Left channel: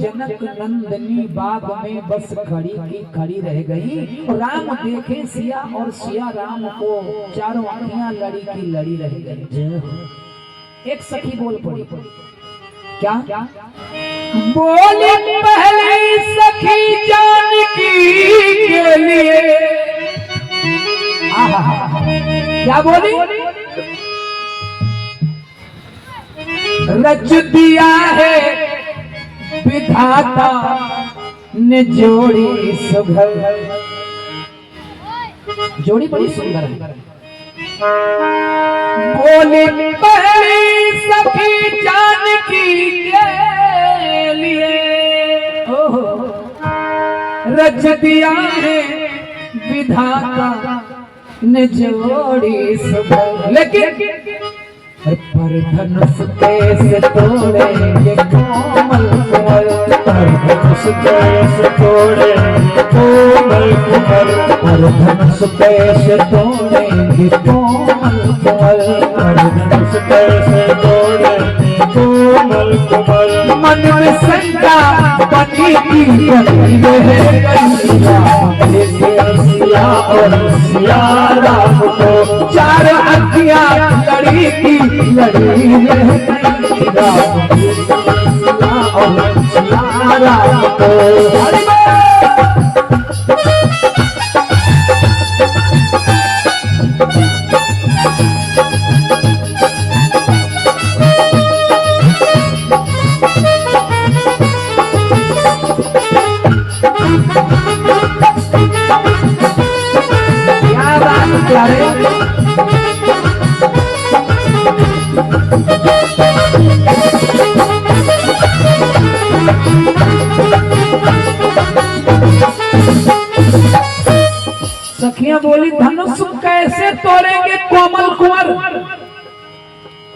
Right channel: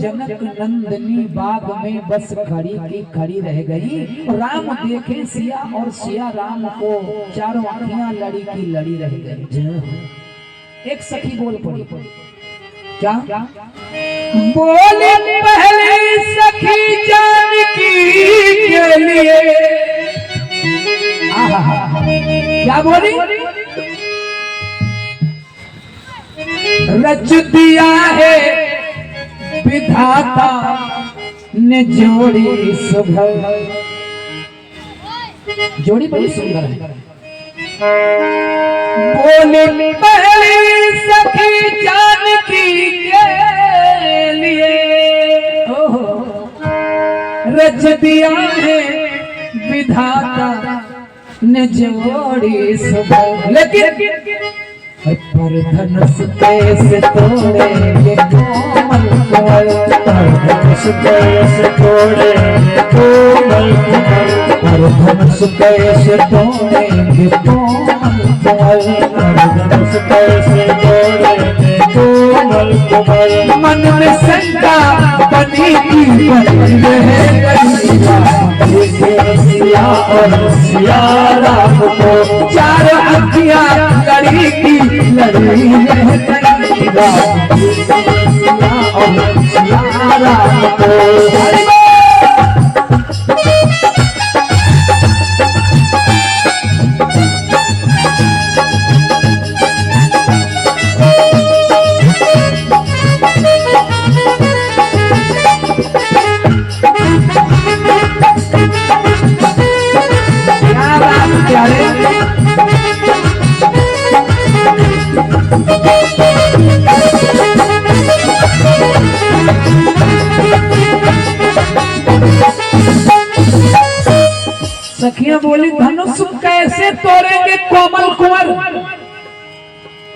जनक नंदनी बाग में बस खड़ी की खड़ी रह गई। राम देखे सिया और सिया राम को, चारों आंखियां लड़ी की लड़ी रह गई। एक सखी बोल पड़ी, क्या बोले पहले सखी जानकी के लिए, क्या बोली, रच दिया है विधाता ने जोड़ी सुघर, जोड़ी बड़ी सुंदर है। बोली पहली सखी जानकी के लिए, रच दिया है विधाता ने जोड़ी सुघर, लेकिन पर धनुष कैसे तोड़ेंगे कोमल कोमल, पर धनुष कैसे तोड़ेंगे कोमल कोमल, पर धनुष कैसे तोड़ेंगे कोमल कोमल, पर धनुष कैसे तोड़ेंगे कोमल कोमल। मन में शंका बनी की रहे सिया और सिया राम को, चार अखियां लड़ी की लड़ी रह गई और सिया राम को। सखियां बोली धनुष कैसे तोड़ेंगे कोमल कुंवर,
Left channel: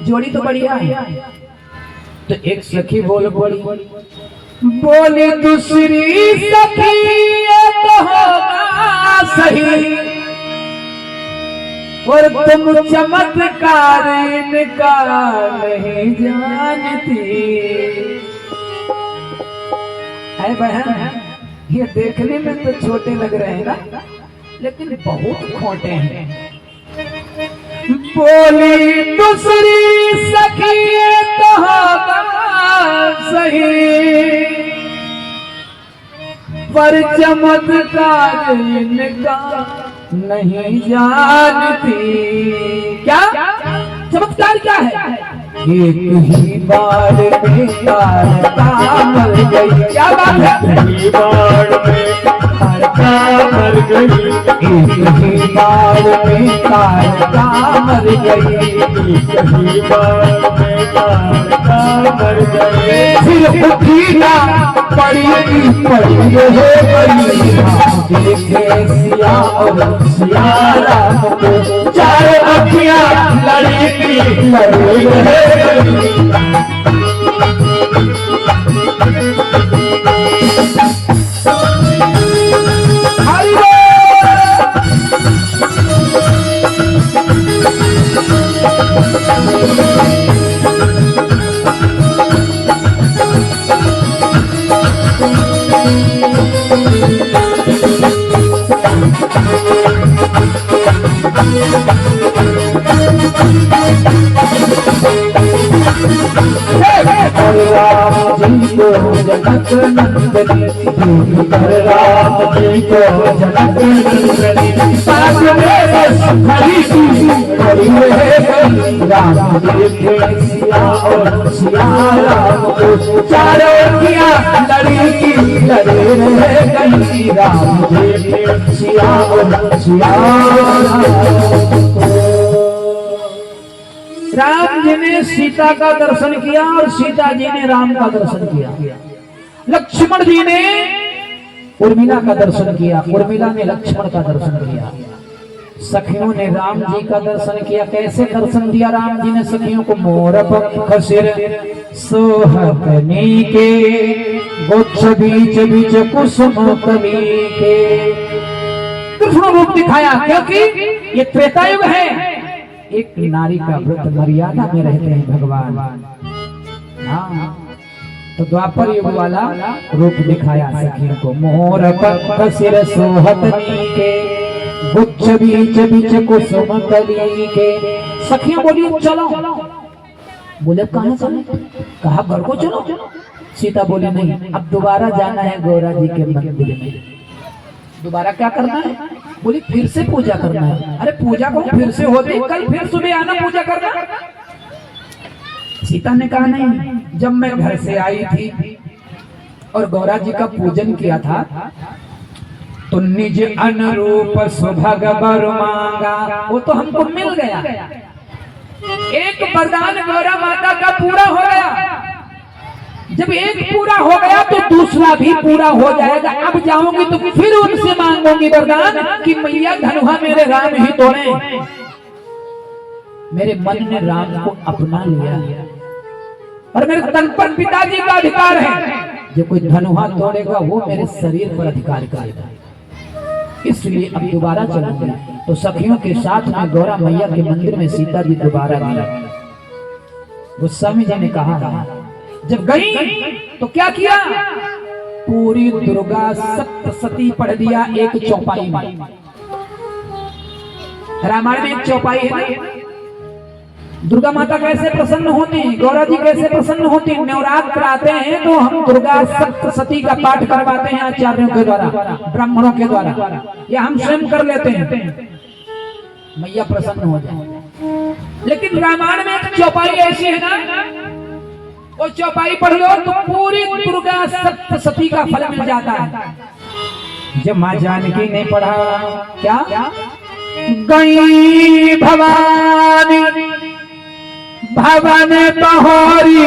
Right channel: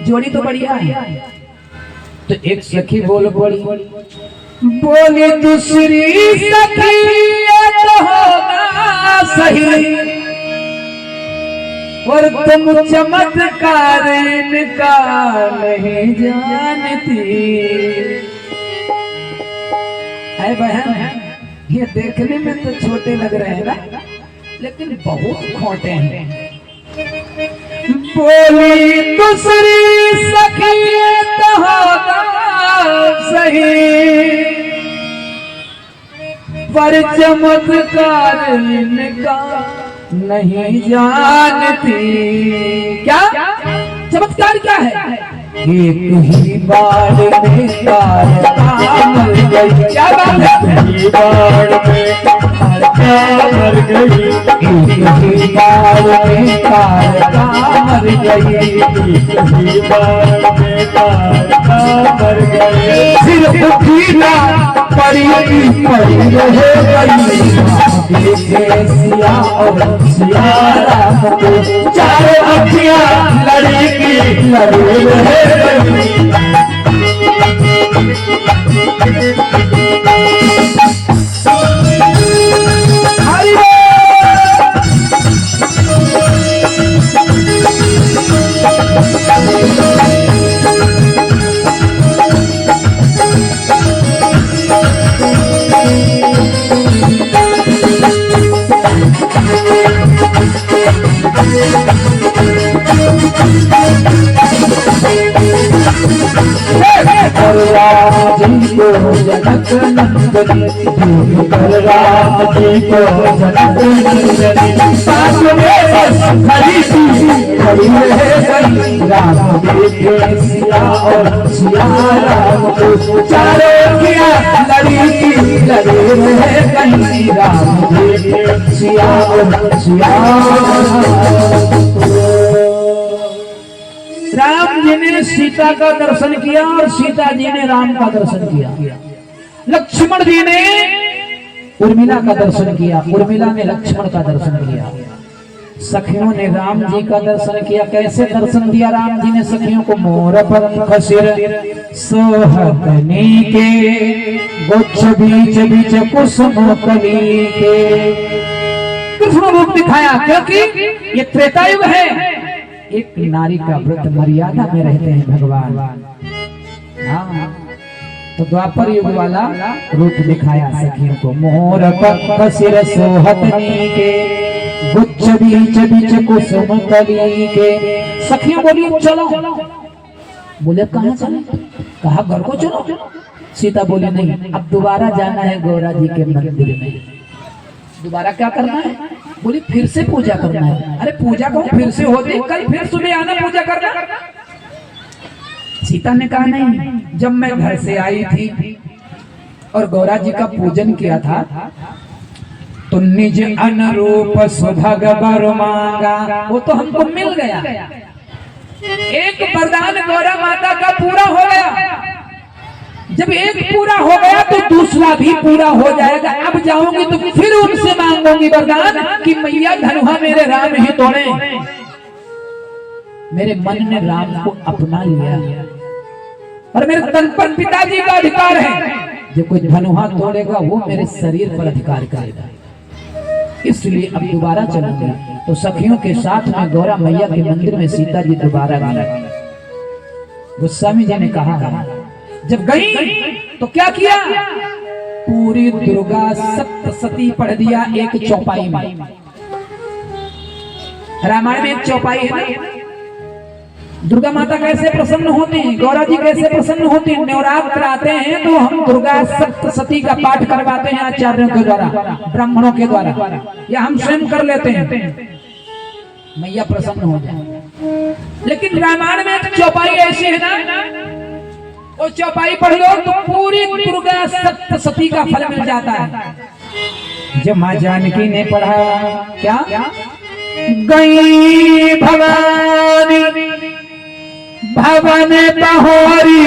जोड़ी तो बढ़िया है। तो एक सखी बोल पड़ी, बोली दूसरी सखी ये तो होगा सही, और तुम चमत्कार इनका नहीं जानती। है बहन, ये देखने में तो छोटे लग रहे हैं ना, लेकिन बहुत खोटे हैं। बोली दूसरी सखी तो होगा सही, पर चमत्कार इनका नहीं जानती। क्या चमत्कार क्या है? एक ही बार में तारका मर गई, क्या बात है? एक ही बार में तारका मर गई, एक ही बार में तारका मर गई, एक ही बार में तारका मर गई। सिर्फ पीला पड़ी पड़ी रहे गई, देखे सिया और सिया राम को, चार अखियां लड़ी की लड़ी रहे गई। जनक नंदनी कर राम जी को जनक नंदनी, साथ में बस खड़ी थी खड़ी रह गई। राम देखे सिया और सिया राम को, चारों अखियां लड़ी की लड़ी रह गई। राम देखे सिया और सिया राम जी ने सीता का दर्शन किया और सीता जी ने राम का दर्शन किया। लक्ष्मण जी ने उर्मिला का दर्शन किया, उर्मिला ने लक्ष्मण का दर्शन किया, सखियों ने राम जी का दर्शन किया। कैसे दर्शन दिया राम जी ने सखियों को? मोर पंख सिर सोहकनी के, गुच्छ बीच बीच कुसुम कली के। कृष्ण रूप दिखाया, क्योंकि ये त्रेता युग है, एक नारी का व्रत मर्यादा में रहते हैं भगवान। हाँ, तो द्वापर युग वाला रूप दिखाया सखियों को। मोर पंख सिर सोहकनी के, गुच्छ बीच बीच कुसुम कली के। सखियों बोली चलो, बोले कहां चलो? कहा घर को चलो। सीता बोली नहीं, अब दोबारा जाना है गौरा जी के मंदिर में। दोबारा क्या करना है? बोली फिर से पूजा करना है। अरे पूजा को फिर से हो गई, कल फिर सुबह आना पूजा करना। सीता ने कहा नहीं, जब मैं घर से आई थी और गौरा जी का पूजन किया था तो निज अनुरूप सुभग वर मांगा, वो तो हमको मिल गया। एक वरदान गौरा माता का पूरा हो गया। जब एक पूरा हो गया तो दूसरा भी पूरा हो जाएगा। अब जाऊंगी तो फिर उनसे मांगूंगी वरदान कि मैया धनुहा मेरे राम ही तोड़े। मेरे मन ने राम को अपना लिया और मेरे तन पर पिताजी का अधिकार है। जो कोई धनुहा तोड़ेगा वो मेरे शरीर पर अधिकार करेगा, इसलिए अब दोबारा चलूंगी। तो सखियों के साथ में गौरा मैया के मंदिर में सीता जी दोबारा गई। गोस्वामी जी ने कहा जब गई तो क्या किया? पूरी दुर्गा सप्तशती पढ़ दिया एक चौपाई में। रामायण में एक चौपाई है। दुर्गा माता कैसे प्रसन्न होती, गौरा जी कैसे प्रसन्न होती। नवरात्र आते हैं तो हम दुर्गा सप्तशती का पाठ करवाते हैं आचार्यों के द्वारा, ब्राह्मणों के द्वारा, या हम स्वयं कर लेते हैं, मैया प्रसन्न हो जाए। लेकिन रामायण में एक चौपाई ऐसी है ना, वो चौपाई पढ़ लो तो पूरी दुर्गा सप्तशती का फल मिल जाता है। जब माँ जानकी ने पढ़ा क्या? गई भवानी भवन बहोरी,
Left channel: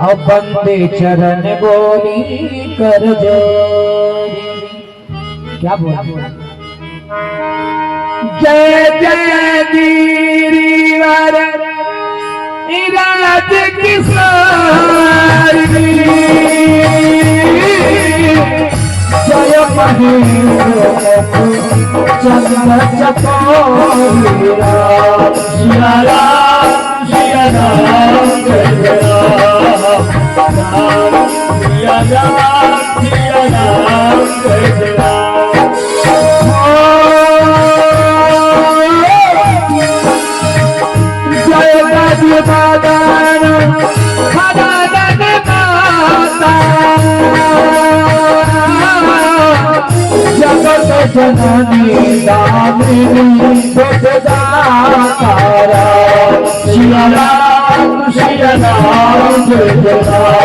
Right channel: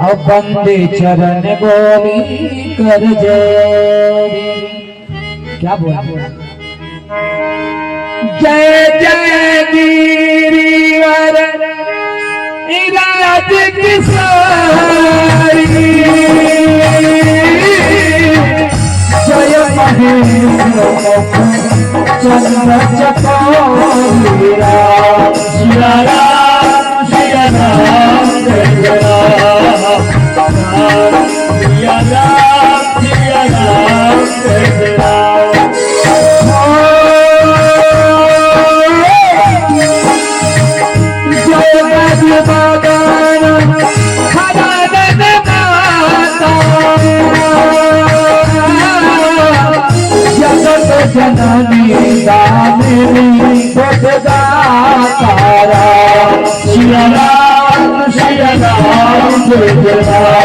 और बंदे चरण बोली कर जोरी। क्या बोला? जय जय गिरिवर राज किशोरी, जय महेश चंद्र चकोरी। सिया राम सिया राम जय राम, सिया राम सिया राम जय राम। जय गज बादन खड़गन माता, जगत जननी दामिनी जगदा तारा। सिया राम जय राम, सिया राम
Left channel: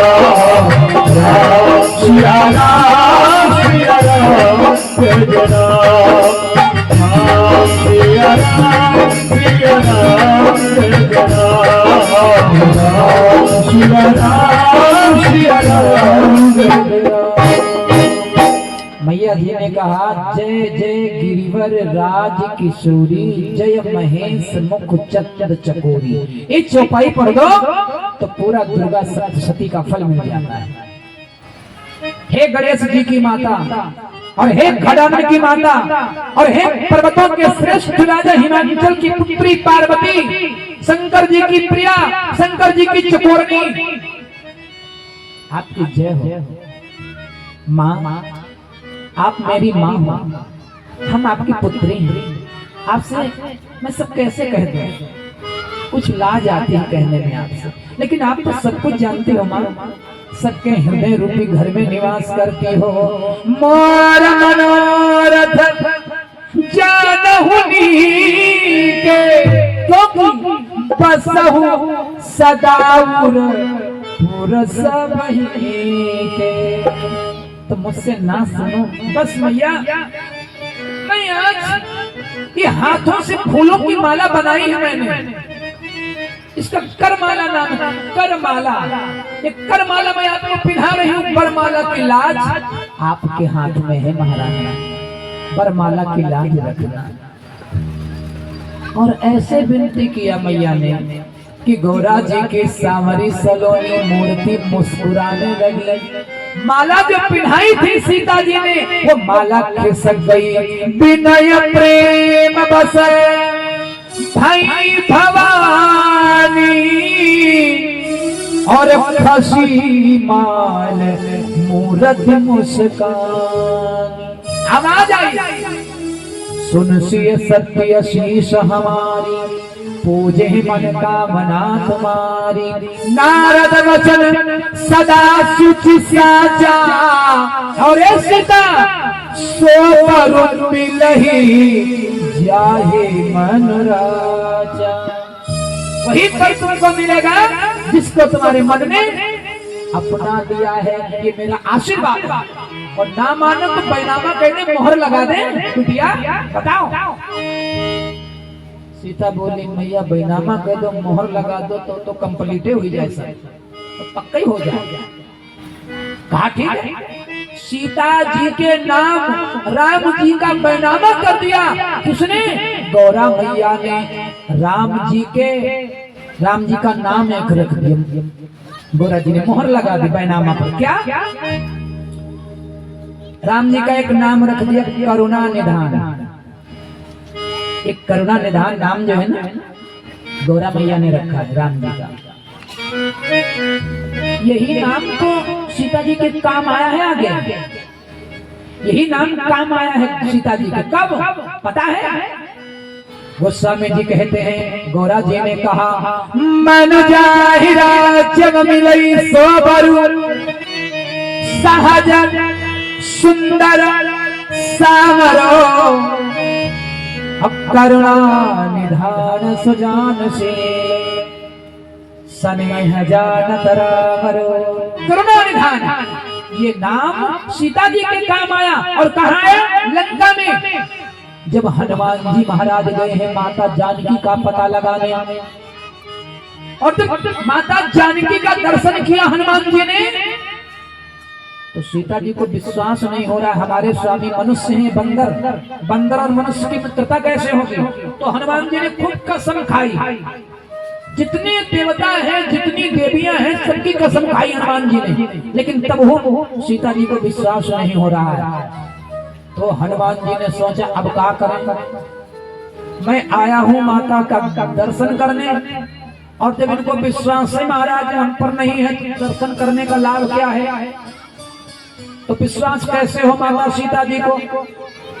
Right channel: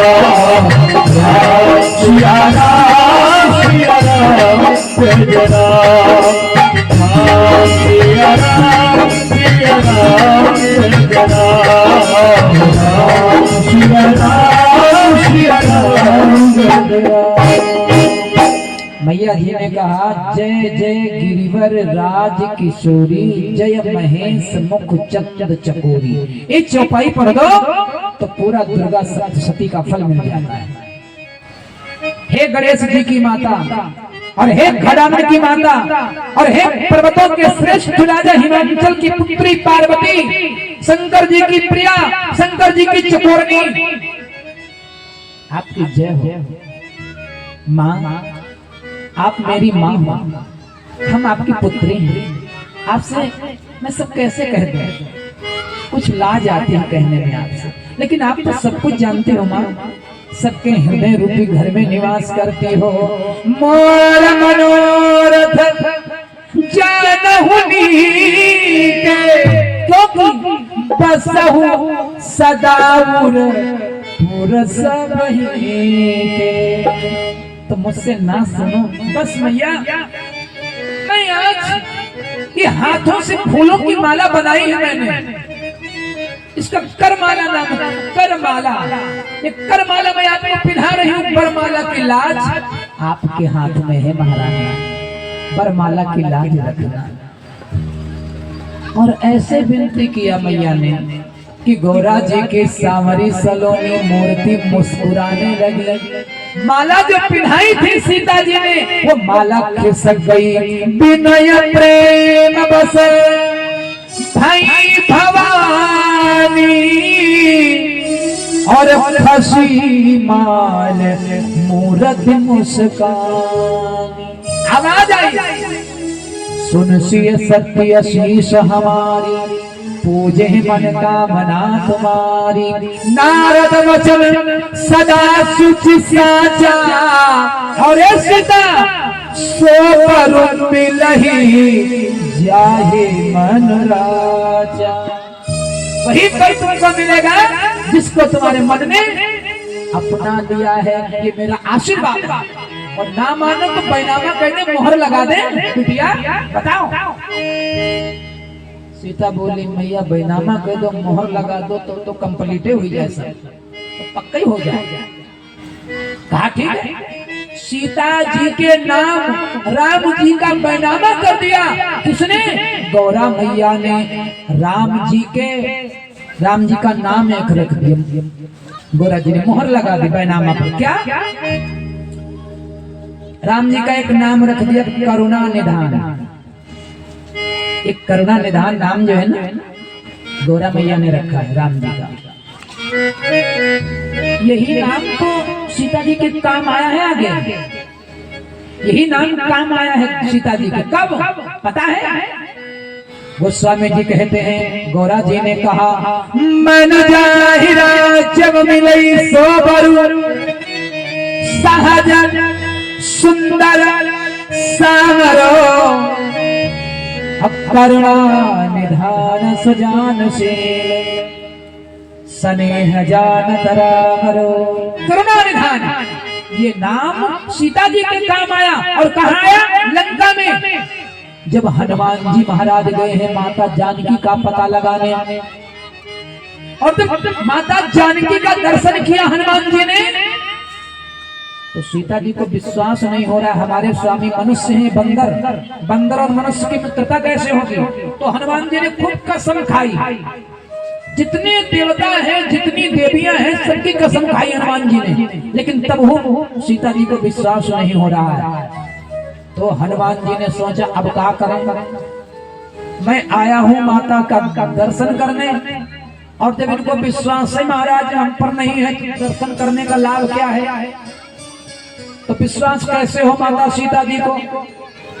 जय राम, सिया राम सिया राम, सिया राम। मैया जी ने कहा जय जय गिरिवर राज किशोरी, जय महेश मुख चक्र चकोरी। ये चौपाई पढ़ दो तो पूरा दुर्गा सप्तशती का फल मिल जाता है। हे गणेश जी की माता, और हे घड़ामण की माता, और हे पर्वतों के श्रेष्ठ राजा हिमाचल की पुत्री पार्वती, शंकर जी की प्रिया, शंकर जी की चकोरनी, आपकी जय हो। माँ, आप मेरी माँ, हम आपकी पुत्री हैं। आपसे मैं सब कैसे कह दूं? कुछ लाज आती है कहने में आपसे, लेकिन आप तो सब कुछ जानते हो माँ। सबके हृदय रूपी घर में निवास करती हो। मोर मनोरथ जानहुनी के, क्योंकि बसहु सदाउर पुरसबही के। तो मुझसे ना सुनो बस मैया। मैं आज ये हाथों से फूलों की माला बनाई है मैंने, इसका करमाला नाम है। करमाला, ये करमाला मैं आपको पिन्हा रही हूँ, वरमाला लाज आपके हाथ में है महारानी, वरमाला की लाज रखना। और ऐसे विनती किया मैया ने कि गौरा जी की सांवरी सलोनी मूर्ति मुस्कुराने लगी। माला जो पिन्हाई थी सीता जी ने, वो माला खिसक गई। विनय प्रेम बस भाई भवानी और खसी माल मूर्ति मुस्कानी। आवाज आई, सुन सिय सत्य शीश हमारी, पूजे मन कामना तुम्हारी। नारद वचन सदा सुचि साचा, और सीता सो पर मिलही जाहे मन राजा। वही पर तुमको मिलेगा जिसको तुम्हारे मन में अपना दिया है। ये मेरा आशीर्वाद है। और ना मानो तो बैनामा कहने मोहर लगा दे। कुटिया बताओ। सीता बोली मैया बैनामा कह दो, मोहर लगा दो तो कंप्लीट हो जाए, सब तो पक्का ही हो जाए। कहा ठीक है। सीता जी के नाम राम जी का बैनामा कर दिया। किसने? गौरा मैया ने राम जी का नाम एक रख दिया। गौरा जी ने मोहर लगा दी बैनामा पर। क्या? राम जी का एक नाम रख दिया, करुणा निधान। एक करुणा निधान नाम जो है ना, गौरा मैया ने रखा है राम जी का। यही नाम तो सीता जी के काम आया है आगे। यही नाम काम आया है सीता जी के। कब पता है? गोस्वामी जी कहते हैं, गौरा जी ने कहा मन जाहि राज्य मिलई सोबरु, सहज सुंदर सामरो, करुणा निधान सुजान से स्नेह जानत रामरो। करुणा निधान, ये नाम सीता जी के काम आया। और कहाँ आया? लंका में। जब हनुमान जी महाराज गए हैं माता जानकी का पता लगाने, और जब माता जानकी का दर्शन किया हनुमान जी ने, तो सीता जी को विश्वास नहीं हो रहा, हमारे स्वामी मनुष्य हैं, बंदर और मनुष्य की मित्रता कैसे होगी। तो हनुमान जी ने खूब कसम खाई। जितने देवता हैं, जितनी देवियां हैं, सबकी कसम खाई हनुमान जी ने। लेकिन तब वो सीता जी को विश्वास नहीं हो रहा है। तो हनुमान जी ने सोचा अब क्या करें, मैं आया हूँ माता का दर्शन करने, और जब इनको विश्वास है महाराज हम पर नहीं है, तो दर्शन करने का लाभ क्या है? तो विश्वास कैसे हो माता सीता जी को?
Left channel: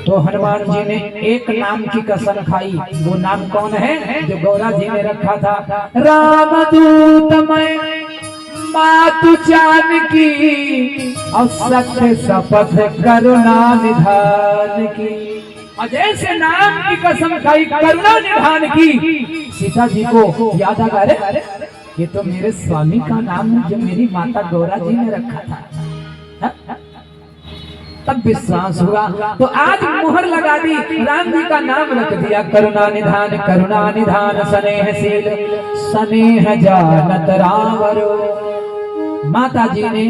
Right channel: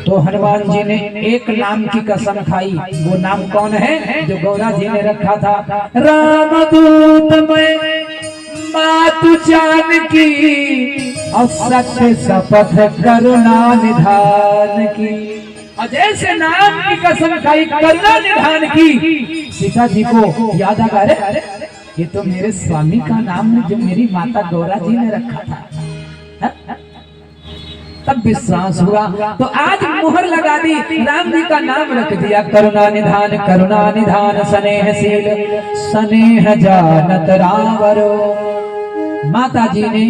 तो हनुमान जी ने एक नाम की कसम खाई। वो नाम कौन है? जो गौरा जी ने रखा था, रामदूत मैं मातु जानकी, और सत्य शपथ करुणा निधान की। और जैसे नाम की कसम खाई करुणा निधान की, सीता जी को याद आ गया, अरे ये तो मेरे स्वामी का नाम है जो मेरी माता गौरा जी ने रखा था। तब विश्वास हुआ। तो आज मोहर लगा दी, राम जी का नाम रख दिया करुणा निधान स्नेहशील स्नेह जानत रामरो। माता जी ने,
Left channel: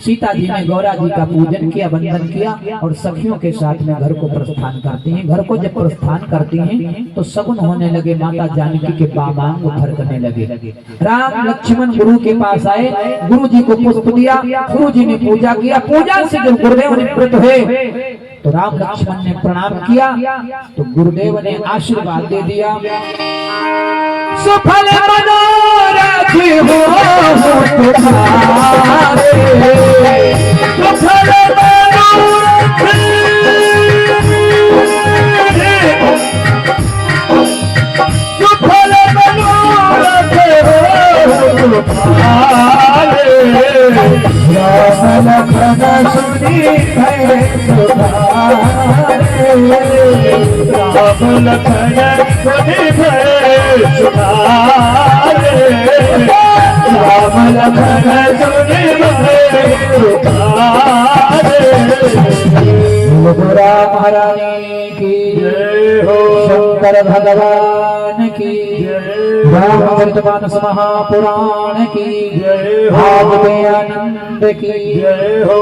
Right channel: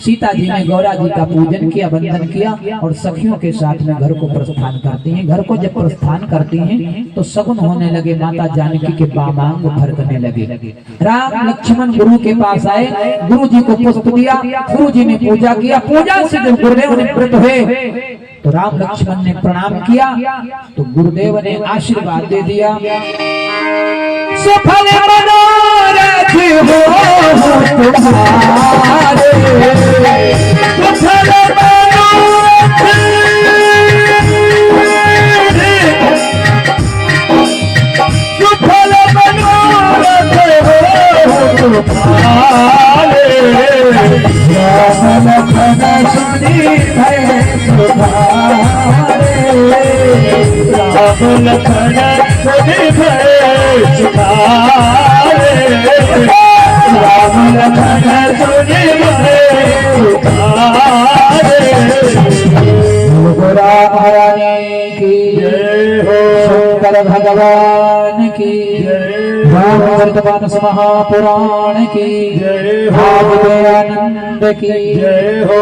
सीता जी ने गौरा जी का पूजन किया, वंदन किया, और सखियों के साथ में घर को प्रस्थान करती हैं। घर को जब प्रस्थान करती हैं तो सगुन होने लगे, माता जानकी के बामांग फरकने लगे। राम लक्ष्मण गुरु के पास आए, गुरु जी को पुष्प दिया, गुरु जी ने पूजा किया। पूजा से जब गुरुदेव ने प्रकट हुए तो राम लक्ष्मण ने प्रणाम किया, तो गुरुदेव ने आशीर्वाद दे दिया, सुफल मनोरथ हो तुम्हारे, सुफल मनोरथ, सुफल मनोरथ हो तुम्हारे, राम लखन सुनी है तुम्हारे, राम लखन सुनी है सुनारे, राम लखन सुनी है सुनारे। गौरा महारानी की जय हो, शंकर भगवान की जय, रामचरितमानस महापुराण की जय हो, आनंद की जय हो।